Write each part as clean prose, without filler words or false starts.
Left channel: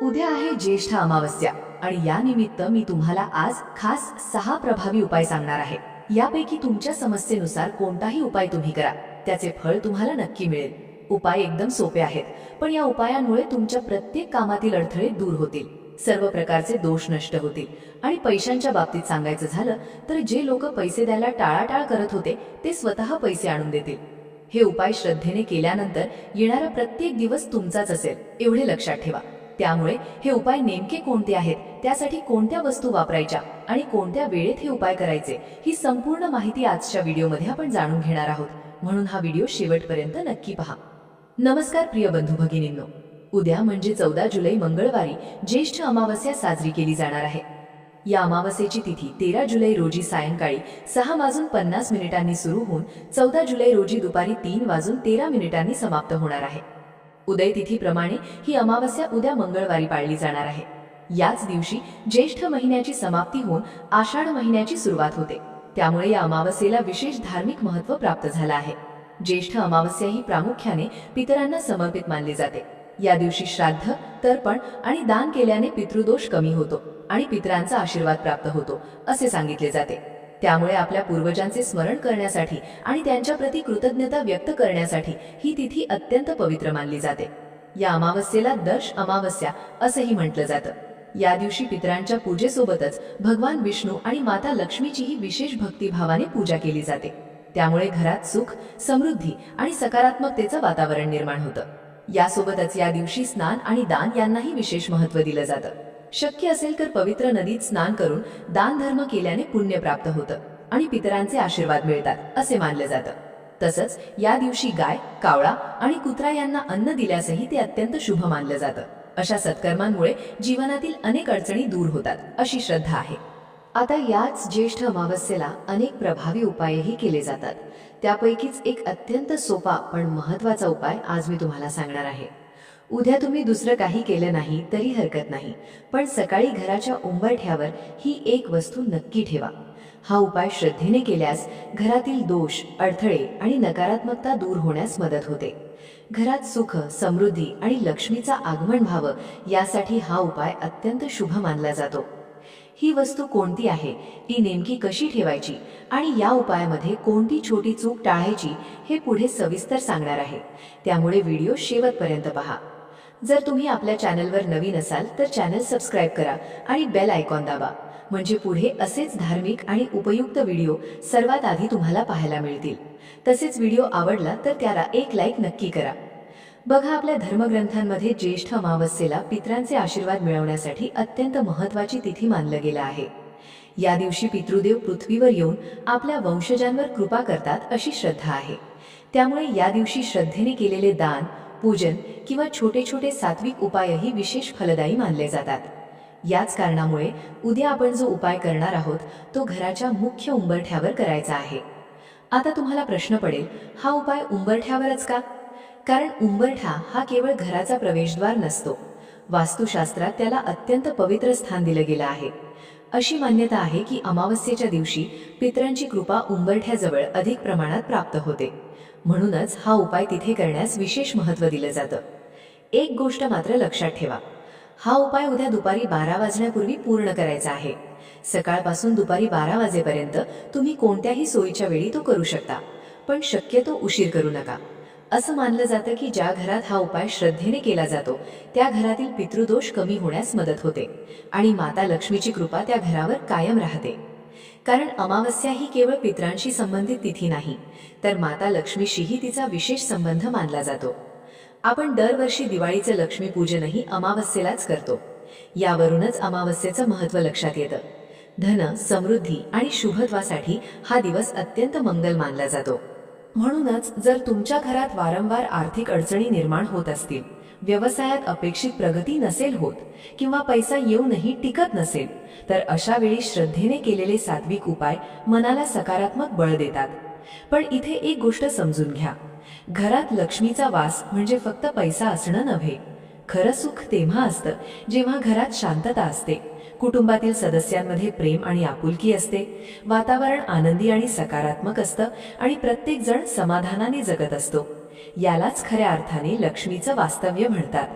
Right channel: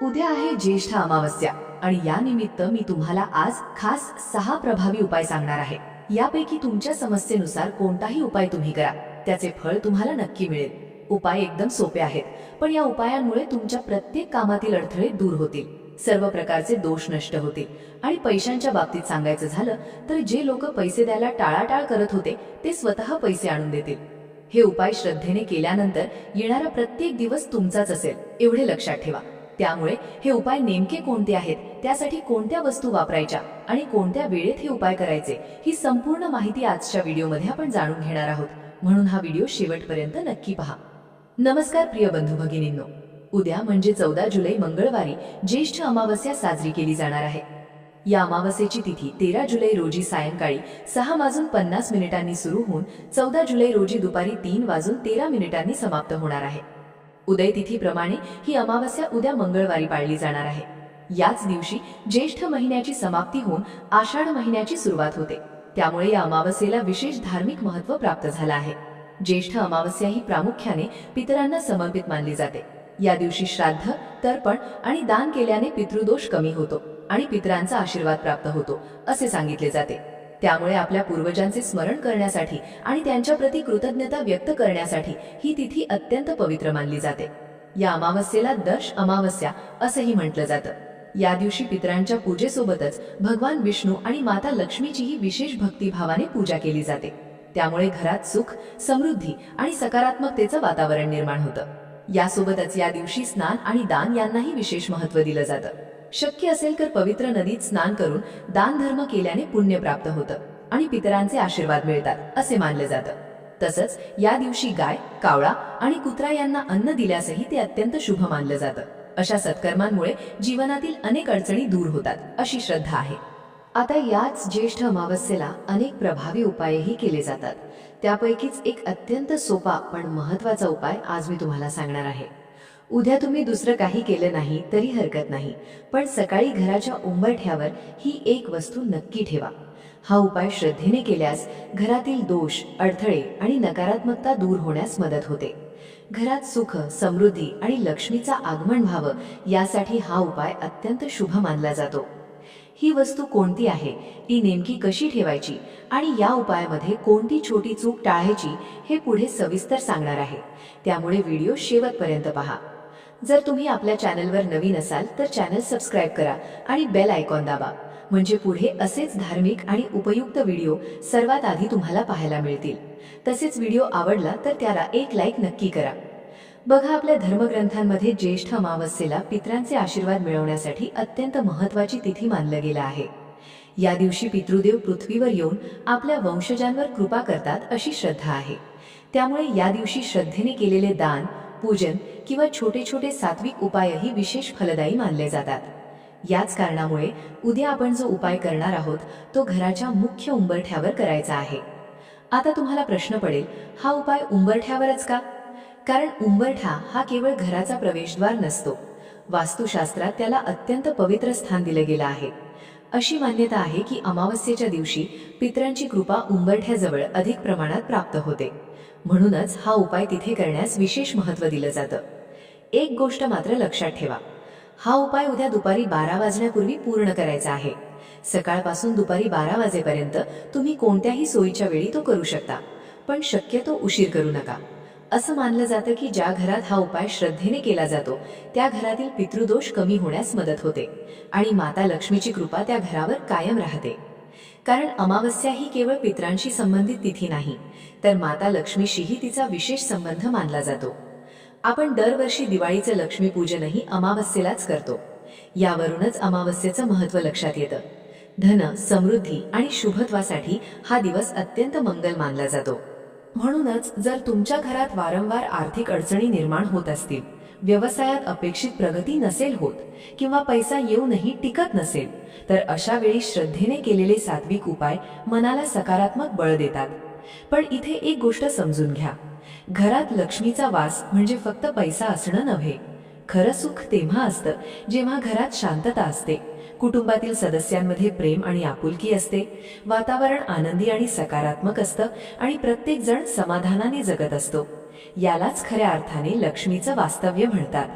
उद्या आहे ज्येष्ठ अमावस्या आणि या निमित्त मी तुम्हाला आज खास 6 प्रभावी उपाय सांगणार आहे। यापैकी तुमच्या समस्येनुसार कोणताही उपाय तुम्ही करा, त्याचे फळ तुम्हाला नक्की मिळेल। उपाय एकदम सोपे आहेत, पण या उपायांमुळे तुमच्या प्रत्येक कामातील अडथळे दूर होतील, सर्व प्रकारचे दोष नष्ट होतील आणि पैशांच्या बाबतीत सांगायचं झालं तर जे लोक पैसे द्यायला टाळाटाळ करत होते ते स्वतः पैसे आणून देतील। हे उपाय श्रद्धेने केल्यानंतर येणारा प्रत्येक दिवस तुमचाच असेल, एवढे लक्षात ठेवा। त्यामुळे हे उपाय नेमके कोणते आहेत, त्यासाठी कोणत्या वस्तू वापरायच्या आणि कोणत्या वेळेत हे उपाय करायचे, ही संपूर्ण माहिती आजच्या व्हिडिओमध्ये आपण जाणून घेणार आहोत, म्हणून हा व्हिडिओ शेवटपर्यंत नक्की पहा। नमस्कार प्रिय बंधू भगिनींनो, उद्या म्हणजे 14 जुलै मंगळवारी ज्येष्ठ अमावस्या साजरी केली जाणार आहे। या अमावस्येची तिथी 13 जुलै रोजी सायंकाळी 6:50 सुरू होऊन 14 जुलै रोजी दुपारी 3:13 समाप्त होणार आहे। उदय तिथीप्रमाणे ही अमावस्या उद्या मंगळवारी पाळली जाणार आहे। याच दिवशी ज्येष्ठ महिन्याची समाप्ती होऊन आषाढ महिन्याची सुरुवात होते, त्यामुळे या अमावस्येला विशेष धार्मिक महत्त्व प्राप्त झालं आहे। ज्येष्ठ अमावस्या ही प्रामुख्याने पितरांना समर्पित मानली जाते। या दिवशी श्राद्ध, तर्पण आणि दान केल्याने पितृदोष कमी होतो आणि पितरांचा आशीर्वाद प्राप्त होतो असे सांगितले जाते। त्यामुळे आपल्या पूर्वजांचे स्मरण करण्यासाठी आणि त्यांच्याप्रती कृतज्ञता व्यक्त करण्यासाठी ही तिथी अत्यंत पवित्र मानली जाते। या अमावस्येला दर्श अमावस्या असंही म्हटलं जातं। या दिवशी पितरांच्या पूजेसोबतच भगवान विष्णू आणि माता लक्ष्मीचीही विशेष भक्तिभावाने पूजा केली जाते। त्यामुळे घरात सुख, समृद्धी आणि सकारात्मकतेचं वातावरण निर्माण होतं। यासोबतच या दिवशी स्नान आणि दान यांनाही विशेष महत्त्व दिलं जातं। शक्य असेल तर पवित्र नदीत स्नान करून दान धर्म केल्याने पुण्य प्राप्त होतं आणि पितरांचे आशीर्वाद मिळतात असे मानलं जातं। तसंच या दिवशी गाय, कावळा आणि कुत्रा यांना अन्न दिल्यासही ते अत्यंत शुभ मानलं जातं। अशा सत्कर्मांमुळे जीवनातील अनेक अडचणी दूर होतात अशी श्रद्धा आहे। आता याच ज्येष्ठ अमावस्येला अनेक प्रभावी उपायही केले जातात। त्यापैकीच एक अत्यंत सोपा पण महत्त्वाचा उपाय आज मी तुम्हाला सांगणार आहे। उद्या तुम्ही दुसरं काही केलं नाही तरी हरकत नाही, पण सकाळी घराच्या उंबरठ्यावर ही एक वस्तू नक्की ठेवा। हा उपाय श्रद्धेने केल्यास घरातील दोष, अडथळे आणि नकारात्मकता दूर होण्यास मदत होते। घरात सुख, समृद्धी आणि लक्ष्मीचा आगमन व्हावं यासाठी हा उपाय अत्यंत शुभ मानला जातो। ही वस्तू कोणती आहे, ती नेमकी कशी ठेवायची आणि या उपायामध्ये कोणती छोटी चूक टाळायची हे पुढे सविस्तर सांगणार आहे, त्यामुळे व्हिडिओ शेवटपर्यंत पहा। जर तुम्ही आपल्या चॅनलवर नवीन असाल तर चॅनल सबस्क्राइब करा आणि बेल आयकॉन दाबा, म्हणजे पुढे असेच धार्मिक आणि उपयुक्त व्हिडिओ सर्वात आधी तुम्हाला पाहायला मिळतील। तसेच व्हिडिओ आवडला तर त्याला एक लाईक नक्की करा। बघा, आपल्या धर्मग्रंथांमध्ये ज्येष्ठ अमावस्येला पितरांचे आशीर्वाद मिळवण्यासाठी अत्यंत महत्त्वाची तिथी मानलं गेलं आहे। या दिवशी पितृदेव पृथ्वीवर येऊन आपल्या वंशजांवर कृपा करतात अशी श्रद्धा आहे। त्यामुळे या दिवशी श्रद्धेने केलेले दान, पूजन किंवा छोटे छोटे सात्विक उपायही विशेष फलदायी मानले जातात। याच कारणामुळे उद्या आपण जो उपाय करणार आहोत तो घराच्या मुख्य उंबरठ्यावर करायचा आहे। आता तुम्हाला प्रश्न पडेल, हा उपाय उंबरठ्यावरच का? कारण उंबरठा हा केवळ घराचा प्रवेशद्वार नसतो, वास्तुशास्त्रात त्याला अत्यंत पवित्र स्थान दिलं गेलं आहे। अशी मान्यता आहे की अमावस्येच्या दिवशी पितरांची कृपा उंबरठ्याजवळ अधिक प्रमाणात प्राप्त होते, म्हणूनच हा उपाय तिथे करण्यास विशेष महत्त्व दिलं जातं। एक गोष्ट मात्र लक्षात ठेवा, हा उपाय उद्या दुपारी 12 वाजण्यापूर्वी पूर्ण करायचा आहे। सकाळपासून दुपारी 12 वाजेपर्यंत तुम्ही कोणत्याही सोयीच्या वेळी तो करू शकता, पण शक्यतो उशीर करू नका। असं मानलं जातं की ज्या घरात हा उपाय श्रद्धेने केला जातो त्या घरातील पितृदोष कमी होण्यास मदत होते आणि माता लक्ष्मीची कृपा त्या घरावर कायम राहते। कारण अमावस्या ही केवळ पितरांशी संबंधित तिथी नाही, तर माता लक्ष्मीशीही तिचा विशेष संबंध मानला जातो। आपण दरवर्षी दिवाळीचं लक्ष्मीपूजनही अमावस्येलाच करतो, यावरूनच अमावस्येचं महत्त्व लक्षात येतं। धन, समृद्धी आणि शुभत्वासाठी हा दिवस अत्यंत मंगल मानला जातो। म्हणूनच जर तुमच्या घरात वारंवार आर्थिक अडचणी निर्माण होत असतील, व्यवसायात अपेक्षित प्रगती नसेल होत किंवा पैसा येऊनही टिकत नसेल, तर अशा वेळी श्रद्धेने केलेले सात्विक उपाय मनाला सकारात्मक बळ देतात। पण इथे एक गोष्ट समजून घ्या, घरात लक्ष्मीचा वास म्हणजे फक्त पैसा असणं नव्हे। खरं सुख तेव्हा असतं जेव्हा घरात शांतता असते, कुटुंबातील सदस्यांमध्ये प्रेम आणि आपुलकी असते, वातावरण आनंदी आणि सकारात्मक असतं आणि प्रत्येक जण समाधानाने जगत असतो। यालाच खऱ्या अर्थाने लक्ष्मीचं वास्तव्य म्हणतात।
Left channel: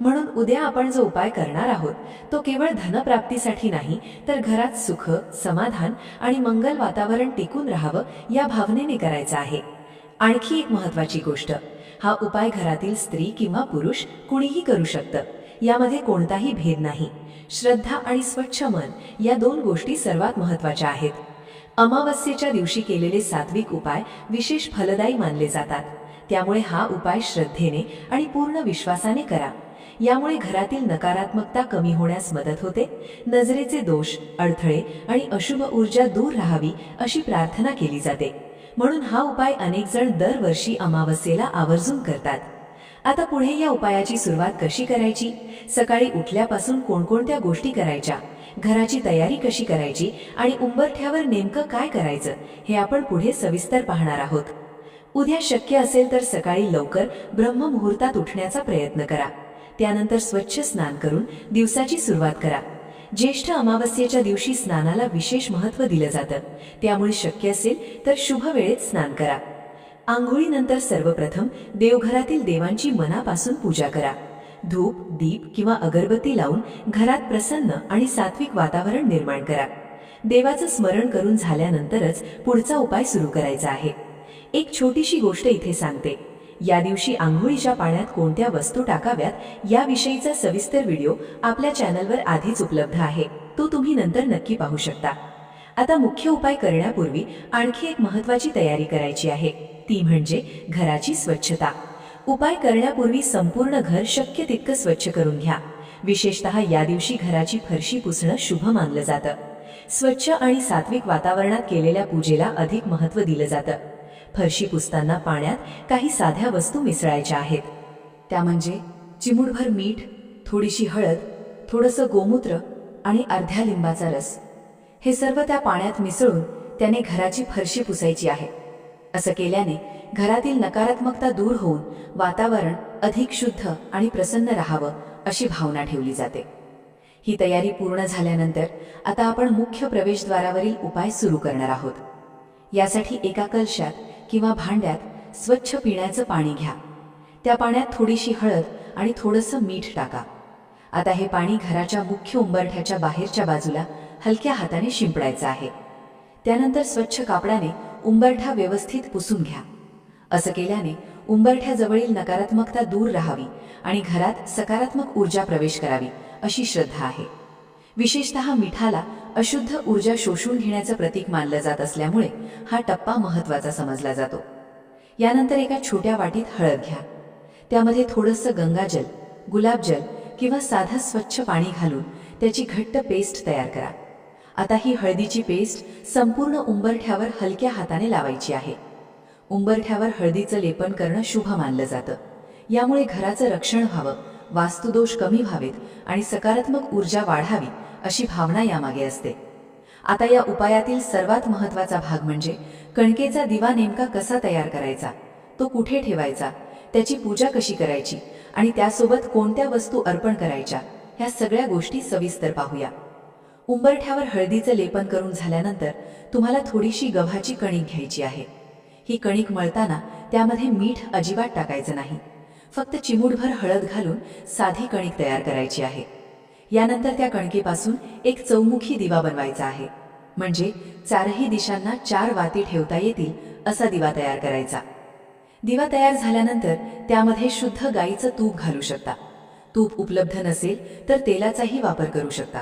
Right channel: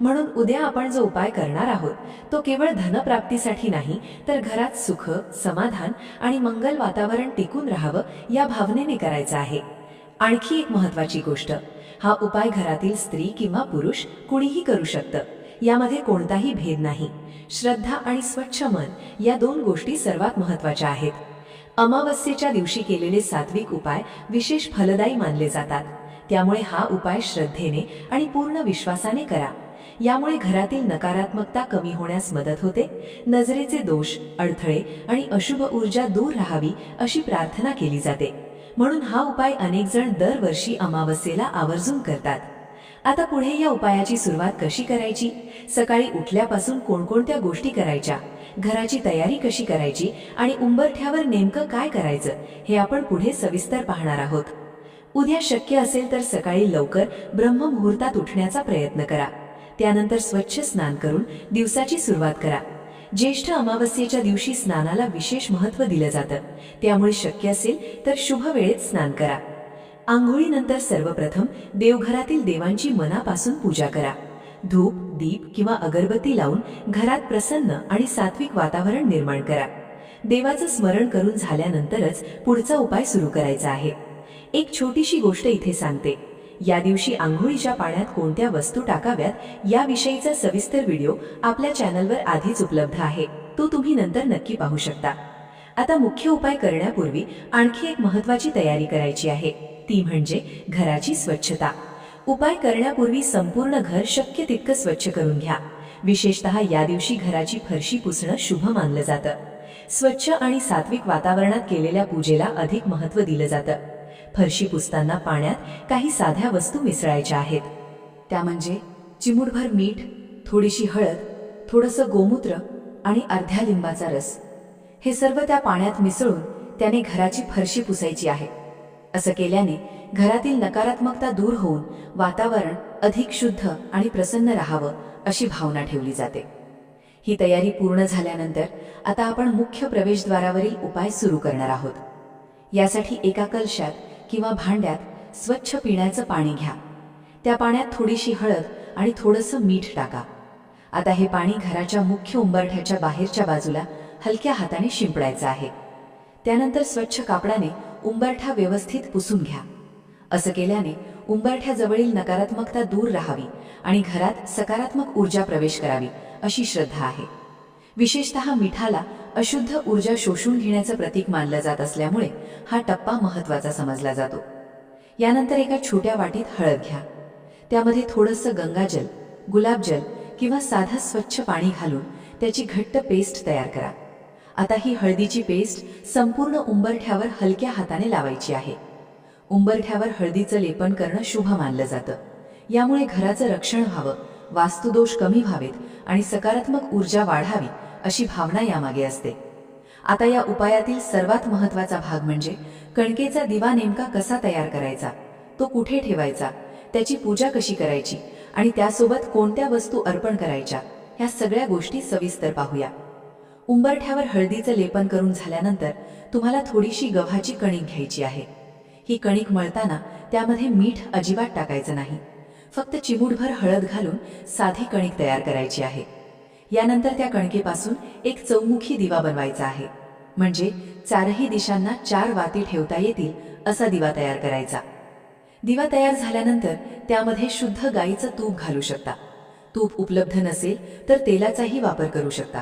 म्हणून उद्या आपण जो उपाय करणार आहोत तो केवळ धनप्राप्तीसाठी नाही, तर घरात सुख, समाधान आणि मंगल वातावरण टिकून राहावं या भावनेने करायचा आहे. आणखी एक महत्त्वाची गोष्ट, हा उपाय घरातील स्त्री किंवा पुरुष कुणीही करू शकतं. यामध्ये कोणताही भेद नाही. श्रद्धा आणि स्वच्छ मन या 2 गोष्टी सर्वात महत्त्वाच्या आहेत. अमावस्येच्या दिवशी केलेले सात्विक उपाय विशेष फलदायी मानले जातात. त्यामुळे हा उपाय श्रद्धेने आणि पूर्ण विश्वासाने करा. यामुळे घरातील नकारात्मकता कमी होण्यास मदत होते. नजरेचे दोष, अडथळे आणि अशुभ ऊर्जा दूर राहावी अशी प्रार्थना केली जाते. म्हणून हा उपाय अनेक जण दरवर्षी अमावस्येला आवर्जून करतात. आता पुढे या उपायाची सुरुवात कशी करायची, सकाळी उठल्यापासून कोणकोणत्या गोष्टी करायच्या, घराची तयारी कशी करायची आणि उंबरठ्यावर नेमकं काय करायचं हे आपण पुढे सविस्तर पाहणार आहोत. उद्या शक्य असेल तर सकाळी लवकर ब्रह्ममुहूर्तात उठण्याचा प्रयत्न करा. त्यानंतर स्वच्छ स्नान करून दिवसाची सुरुवात करा. ज्येष्ठ अमावस्येच्या दिवशी स्नानाला विशेष महत्त्व दिलं जातं. त्यामुळे शक्य असेल तर शुभ वेळेत स्नान करा. आंघोळीनंतर सर्वप्रथम देवघरातील देवांची मनापासून पूजा करा. धूप, दीप किंवा अगरबत्ती लावून घरात प्रसन्न आणि सात्विक वातावरण निर्माण करा. देवाचं स्मरण करून झाल्यानंतरच पुढचा उपाय सुरू करायचा आहे. एक छोटीशी गोष्ट इथे सांगते. या दिवशी आंघोळीच्या पाण्यात कोणत्या वस्तू टाकाव्यात याविषयीचा सविस्तर व्हिडिओ आपल्या चॅनलवर आधीच उपलब्ध आहे. तो तुम्ही नंतर नक्की पाहू शकता. आता मुख्य उपाय करण्यापूर्वी आणखी एक महत्त्वाची तयारी करायची आहे, ती म्हणजे घराची स्वच्छता. उपाय करण्यापूर्वी संपूर्ण घर शक्य तितकं स्वच्छ करून घ्या. विशेषतः या दिवशी घराची फरशी पुसणं शुभ मानलं जातं. स्वच्छ आणि सात्विक वातावरणात केलेल्या पूजेला अधिक महत्त्व दिलं जातं. फरशी पुसताना पाण्यात काही साध्या वस्तू मिसळायच्या आहेत. त्या म्हणजे चिमूटभर मीठ, थोडीशी हळद, थोडंसं गोमूत्र आणि अर्ध्या लिंबाचा रस. हे सर्व त्या पाण्यात मिसळून त्याने घराची फरशी पुसायची आहे. असं केल्याने घरातील नकारात्मकता दूर होऊन वातावरण अधिक शुद्ध आणि प्रसन्न राहावं अशी भावना ठेवली जाते. ही तयारी पूर्ण झाल्यानंतर आता आपण मुख्य प्रवेशद्वारावरील उपाय सुरू करणार आहोत. यासाठी एका कलशात किंवा भांड्यात स्वच्छ पिण्याचं पाणी घ्या. त्या पाण्यात थोडीशी हळद आणि थोडंसं मीठ टाका. आता हे पाणी घराच्या मुख्य उंबरठ्याच्या बाहेरच्या बाजूला हलक्या हाताने शिंपडायचं आहे. त्यानंतर स्वच्छ कापडाने उंबरठा व्यवस्थित पुसून घ्या. असं केल्याने उंबरठ्याजवळील नकारात्मकता दूर राहावी आणि घरात सकारात्मक ऊर्जा प्रवेश करावी अशी श्रद्धा आहे. विशेषतः मिठाला अशुद्ध ऊर्जा शोषून घेण्याचं प्रतीक मानलं जात असल्यामुळे हा टप्पा महत्त्वाचा समजला जातो. यानंतर एका छोट्या वाटीत हळद घ्या. त्यामध्ये थोडंसं गंगाजल, गुलाबजल किंवा साधं स्वच्छ पाणी घालून त्याची घट्ट पेस्ट तयार करा. आता ही हळदीची पेस्ट संपूर्ण उंबरठ्यावर हलक्या हाताने लावायची आहे. उंबरठ्यावर हळदीचं लेपन करणं शुभ मानलं जातं. यामुळे घराचं रक्षण व्हावं, वास्तुदोष कमी व्हावेत आणि सकारात्मक ऊर्जा वाढावी अशी भावना यामागे असते. आता या उपायातील सर्वात महत्त्वाचा भाग म्हणजे कणकेचा दिवा नेमका कसा तयार करायचा, तो कुठे ठेवायचा, त्याची पूजा कशी करायची आणि त्यासोबत कोणत्या वस्तू अर्पण करायच्या, ह्या सगळ्या गोष्टी सविस्तर पाहूया. उंबरठ्यावर हळदीचं लेपन करून झाल्यानंतर तुम्हाला थोडीशी गव्हाची कणिक घ्यायची आहे. ही कणिक मळताना त्यामध्ये मीठ अजिबात टाकायचं नाही. फक्त चिमूटभर हळद घालून साधी कणिक तयार करायची आहे. यानंतर त्या कणकेपासून एक चौमुखी दिवा बनवायचा आहे. म्हणजे 4ही दिशांना 4 वाती ठेवता येतील असा दिवा तयार करायचा. दिवा तयार झाल्यानंतर त्यामध्ये शुद्ध गाईचं तूप घालू शकता. तूप उपलब्ध नसेल तर तेलाचाही वापर करू शकता.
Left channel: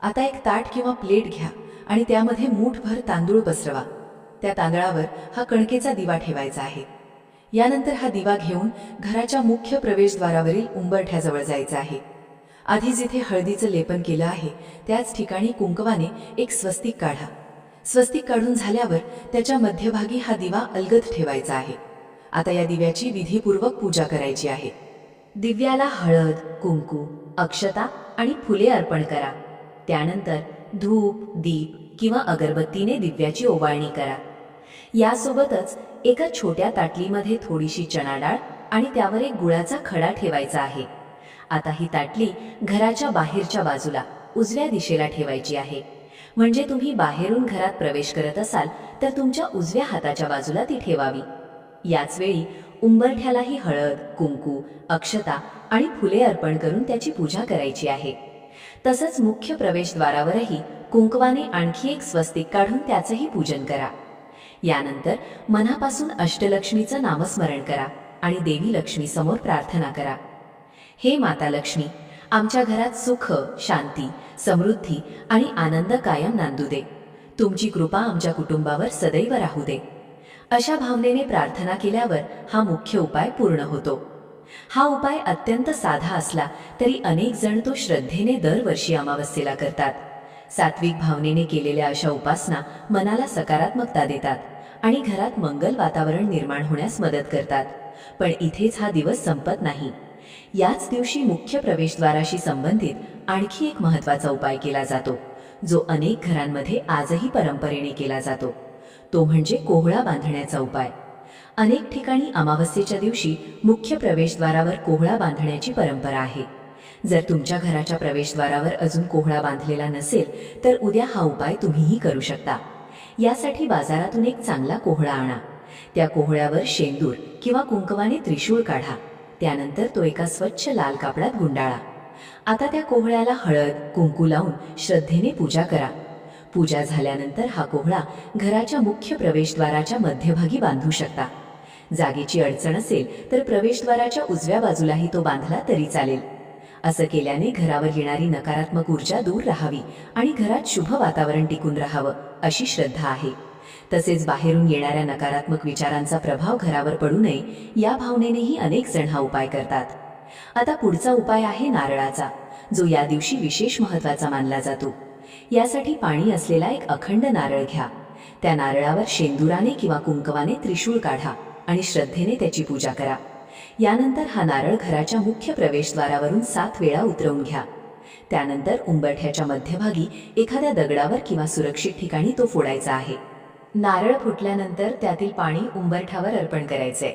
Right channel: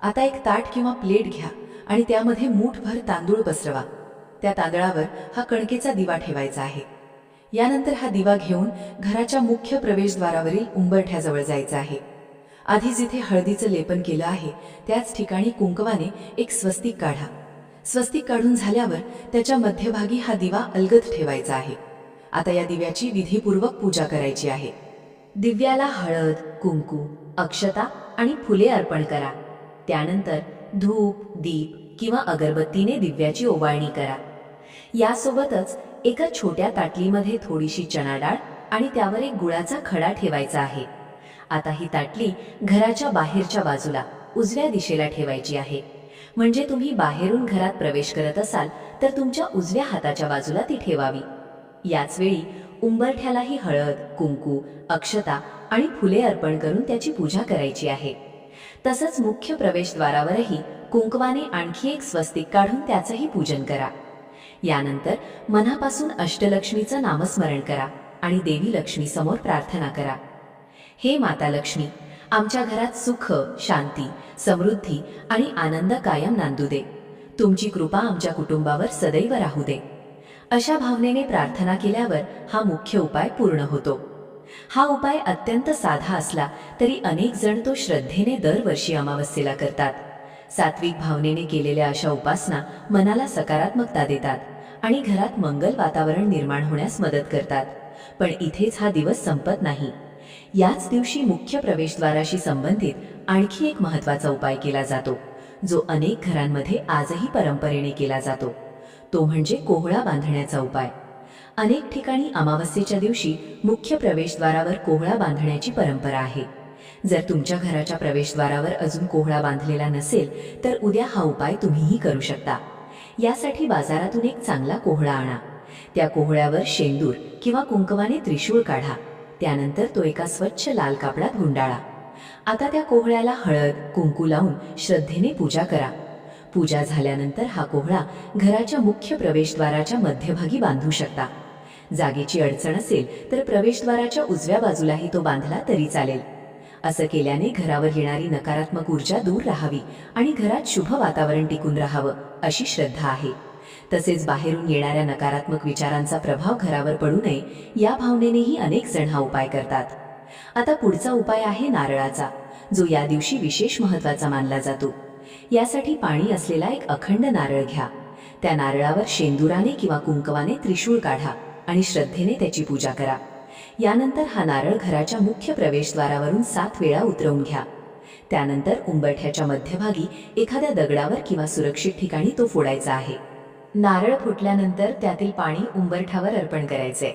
आता एक ताट किंवा प्लेट घ्या आणि त्यामध्ये मूठभर तांदूळ पसरवा. त्या तांदळावर हा कणकेचा दिवा ठेवायचा आहे. यानंतर हा दिवा घेऊन घराच्या मुख्य प्रवेशद्वारावरील उंबरठ्याजवळ जायचं आहे. आधी जिथे हळदीचं लेपन केलं आहे त्याच ठिकाणी कुंकवाने एक स्वस्तिक काढा. स्वस्तिक काढून झाल्यावर त्याच्या मध्यभागी हा दिवा अलगद ठेवायचा आहे. आता या दिव्याची विधीपूर्वक पूजा करायची आहे. दिव्याला हळद, कुंकू, अक्षता आणि फुले अर्पण करा. त्यानंतर धूप, दीप किंवा अगरबत्तीने दिव्याची ओवाळणी करा. यासोबतच एका छोट्या ताटलीमध्ये थोडीशी चणा डाळ आणि त्यावर एक गुळाचा खडा ठेवायचा आहे. आता ही ताटली घराच्या बाहेरच्या बाजूला उजव्या दिशेला ठेवायची आहे. म्हणजे तुम्ही बाहेरून घरात प्रवेश करत असाल तर तुमच्या उजव्या हाताच्या बाजूला ती ठेवावी. याच वेळी उंबरठ्यालाही हळद, कुंकू, अक्षता आणि फुले अर्पण करून त्याची पूजा करायची आहे. तसंच मुख्य प्रवेशद्वारावरही कुंकवाने आणखी एक स्वस्तिक काढून त्याचंही पूजन करा. यानंतर मनापासून अष्टलक्ष्मीचं नामस्मरण करा आणि देवी लक्ष्मी समोर प्रार्थना करा. हे माता लक्ष्मी, आमच्या घरात सुख, शांती, समृद्धी आणि आनंद कायम नांदू दे. तुमची कृपा आमच्या कुटुंबावर सदैव राहू दे. अशा भावनेने प्रार्थना केल्यावर हा मुख्य उपाय पूर्ण होतो. हा उपाय अत्यंत साधा असला तरी अनेक जण तो श्रद्धेने दरवर्षी अमावस्येला करतात. सात्विक भावनेने केलेल्या अशा उपासना मनाला सकारात्मकता देतात आणि घरात मंगल वातावरण निर्माण होण्यास मदत करतात. पण इथेच हा दिवस संपत नाही. याच दिवशी मुख्य प्रवेशद्वाराशी संबंधित आणखी एक महत्त्वाचा उपाय केला जातो, जो अनेक घरांमध्ये आजही परंपरेने केला जातो. तो म्हणजे कोहळा बांधण्याचा उपाय. अनेक ठिकाणी अमावस्येच्या दिवशी मुख्य प्रवेशद्वारावर कोहळा बांधण्याची परंपरा आहे. जर तुमच्या घराच्या प्रवेशद्वारावर अजून कोहळा बांधलेला नसेल तर उद्या हा उपाय तुम्हीही करू शकता. यासाठी बाजारातून एक चांगला कोहळा आणा. त्या कोहळ्यावर शेंदूर किंवा कुंकवाने त्रिशूळ काढा. त्यानंतर तो एका स्वच्छ लाल कापडात गुंडाळा. आता त्या कोहळ्याला हळद, कुंकू लावून श्रद्धेने पूजा करा. पूजा झाल्यानंतर हा कोहळा घराच्या मुख्य प्रवेशद्वाराच्या मध्यभागी बांधू शकता. जागेची अडचण असेल तर प्रवेशद्वाराच्या उजव्या बाजूलाही तो बांधला तरी चालेल. असं केल्याने घरावर येणारी नकारात्मक ऊर्जा दूर राहावी आणि घरात शुभ वातावरण टिकून राहावं अशी श्रद्धा आहे. तसेच बाहेरून येणाऱ्या नकारात्मक विचारांचा प्रभाव घरावर पडू नये या भावनेनेही अनेक जण हा उपाय करतात. आता पुढचा उपाय आहे नारळाचा, जो या दिवशी विशेष महत्त्वाचा मानला जातो. यासाठी पाणी असलेला एक अखंड नारळ घ्या. त्या नारळावर शेंदुराने किंवा कुंकवाने त्रिशूळ काढा आणि श्रद्धेने त्याची पूजा करा. यानंतर हा नारळ घराच्या मुख्य प्रवेशद्वारावरून 7 वेळा उतरवून घ्या. त्यानंतर उंबरठ्याच्या मध्यभागी एखाद्या दगडावर किंवा सुरक्षित ठिकाणी तो फोडायचा आहे. नारळ फुटल्यानंतर त्यातील पाणी उंबरठ्यावर अर्पण करायचे.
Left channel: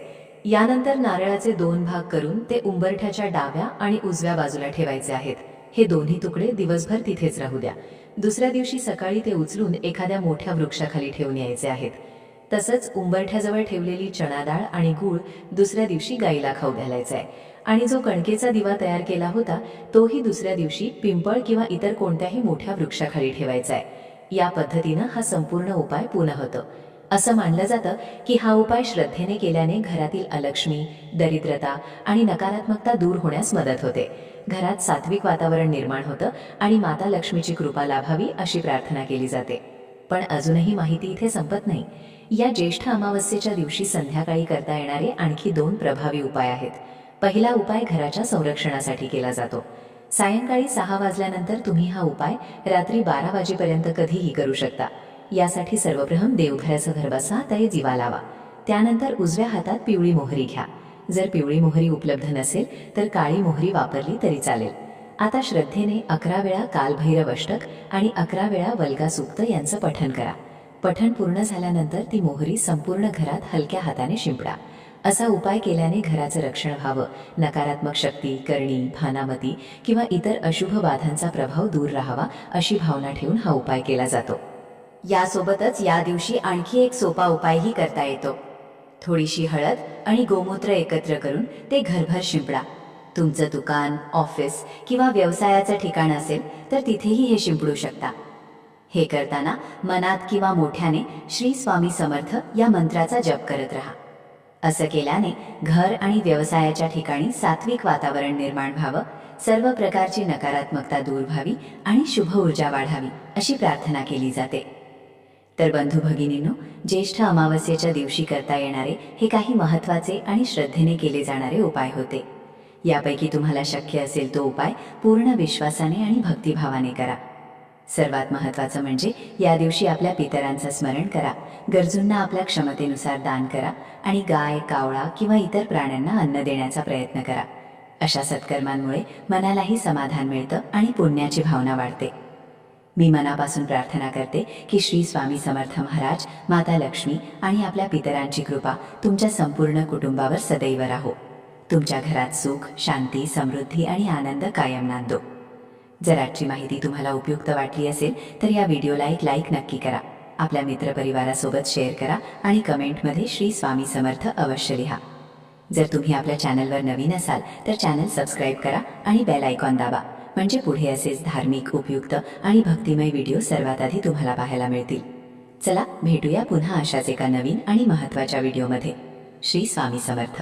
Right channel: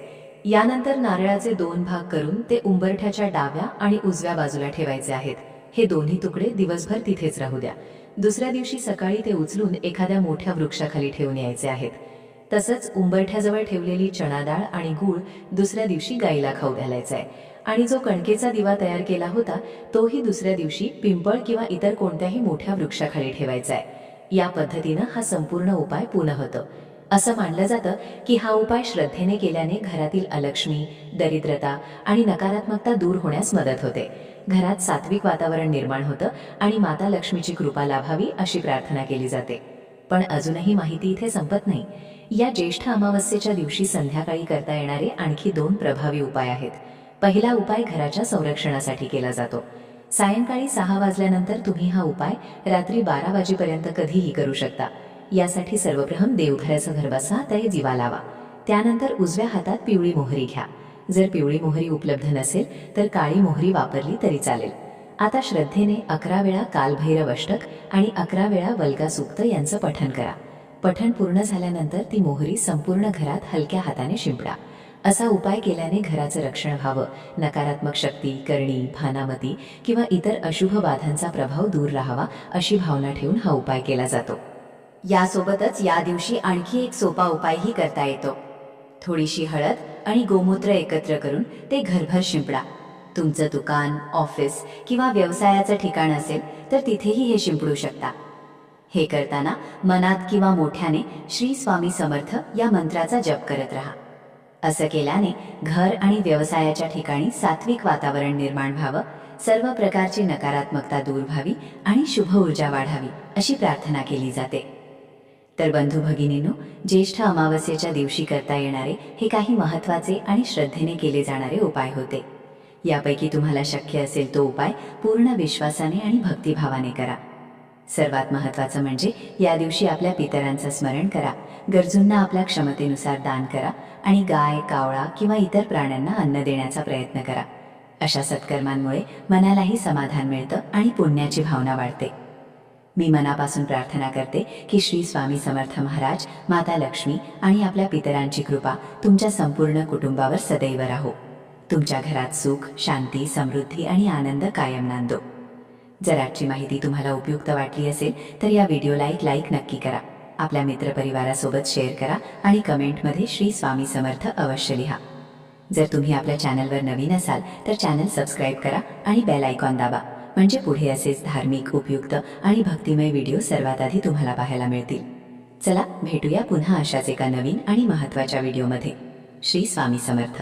यानंतर नारळाचे 2 भाग करून ते उंबरठ्याच्या डाव्या आणि उजव्या बाजूला ठेवायचे आहेत. हे दोन्ही तुकडे दिवसभर तिथेच राहू द्या. दुसऱ्या दिवशी सकाळी ते उचलून एखाद्या मोठ्या वृक्षाखाली ठेवून यायचे आहेत. तसंच उंबरठ्याजवळ ठेवलेली चणा डाळ आणि गूळ दुसऱ्या दिवशी गाईला खाऊ घालायचा आहे. आणि जो कणकेचा दिवा तयार केला होता तोही दुसऱ्या दिवशी पिंपळ किंवा इतर कोणत्याही मोठ्या वृक्षाखाली ठेवायचा आहे. या पद्धतीनं हा संपूर्ण उपाय पूर्ण होतो. असं मानलं जातं की हा उपाय श्रद्धेने केल्याने घरातील अलक्ष्मी, दरिद्रता आणि नकारात्मकता दूर होण्यास मदत होते. घरात सात्विक वातावरण निर्माण होतं आणि माता लक्ष्मीची कृपा लाभावी अशी प्रार्थना केली जाते. पण अजूनही माहिती इथे संपत नाही. या ज्येष्ठ अमावस्येच्या दिवशी संध्याकाळी करता येणारे आणखी 2 प्रभावी उपाय आहेत. पहिला उपाय घराच्या संरक्षणासाठी केला जातो. सायंकाळी 6 वाजल्यानंतर तुम्ही हा उपाय रात्री 12 वाजेपर्यंत कधीही करू शकता. यासाठी सर्वप्रथम देवघराचं घर बसा, ते दिवा लावा. त्यानंतर उजव्या हातात पिवळी मोहरी घ्या. जर पिवळी मोहरी उपलब्ध नसेल तर काळी मोहरी वापरली तरी चालेल. आता श्रद्धेने 11 वेळा कालभैरव अष्टक आणि 11 वेळा वल्गा सूक्त यांचं पठण करा. पठण पूर्ण झाल्यानंतर ती मोहरी संपूर्ण घरात हलक्या हाताने शिंपडा. असा उपाय केल्याने घराचं रक्षण व्हावं, नकारात्मक शक्ती, करणी, भानामती किंवा इतर अशुभ बाधांचा प्रभाव दूर राहावा अशी भावना ठेवून हा उपाय केला जातो. यासोबतच या दिवशी आणखी एक सोपा उपायही करता येतो. थोडीशी हळद आणि गोमूत्र एकत्र करून ते घरभर शिंपडा. तुमचं दुकान, ऑफिस किंवा व्यवसायाचं ठिकाण असेल तर तिथेही हे शिंपडू शकता. हे करताना मनात किंवा मोठ्याने श्री स्वामी समर्थ या मंत्राचा जप करत राहा. असं केल्याने घर आणि व्यवसायाच्या ठिकाणी सात्विक वातावरण निर्माण व्हावं, सर्व प्रकारची नकारात्मकता दूर व्हावी आणि शुभ ऊर्जा वाढावी अशी प्रार्थना केली जाते. तर बंधू भगिनींनो, ज्येष्ठ अमावस्येच्या दिवशी करता येणारे हे काही महत्त्वाचे आणि श्रद्धेने केले जाणारे उपाय होते. यापैकी तुम्हाला शक्य असेल तो उपाय पूर्ण विश्वासाने आणि भक्तिभावाने करा. सर्वात महत्त्वाचं म्हणजे या दिवशी आपल्या पितरांचं स्मरण करा, गरजूंना आपल्या क्षमतेनुसार दान करा आणि गाय, कावळा किंवा इतर प्राण्यांना अन्न देण्याचा प्रयत्न करा. अशा सत्कर्मांमुळे मनालाही समाधान मिळतं आणि पुण्याची भावना वाढते. मी मनापासून प्रार्थना करते की श्री स्वामी समर्थ महाराज, माता लक्ष्मी आणि आपल्या पितरांची कृपा तुमच्या संपूर्ण कुटुंबावर सदैव राहो. तुमच्या घरात सुख, शांती, समृद्धी आणि आनंद कायम नांदो. जर आजची माहिती तुम्हाला उपयुक्त वाटली असेल तर या व्हिडिओला एक लाईक नक्की करा. आपल्या मित्रपरिवारासोबत शेअर करा आणि कमेंटमध्ये श्री स्वामी समर्थ अवश्य लिहा. जर तुम्ही आपल्या चॅनलवर नवीन असाल तर चॅनल सबस्क्राईब करा आणि बेल आयकॉन दाबा, म्हणजे पुढे असेच धार्मिक, उपयुक्त आणि भक्तिमय व्हिडिओ सर्वात आधी तुम्हाला पाहायला मिळतील. चला भेटूया पुन्हा अशाच एका नवीन आणि महत्त्वाच्या व्हिडिओमध्ये. श्री स्वामी समर्थ.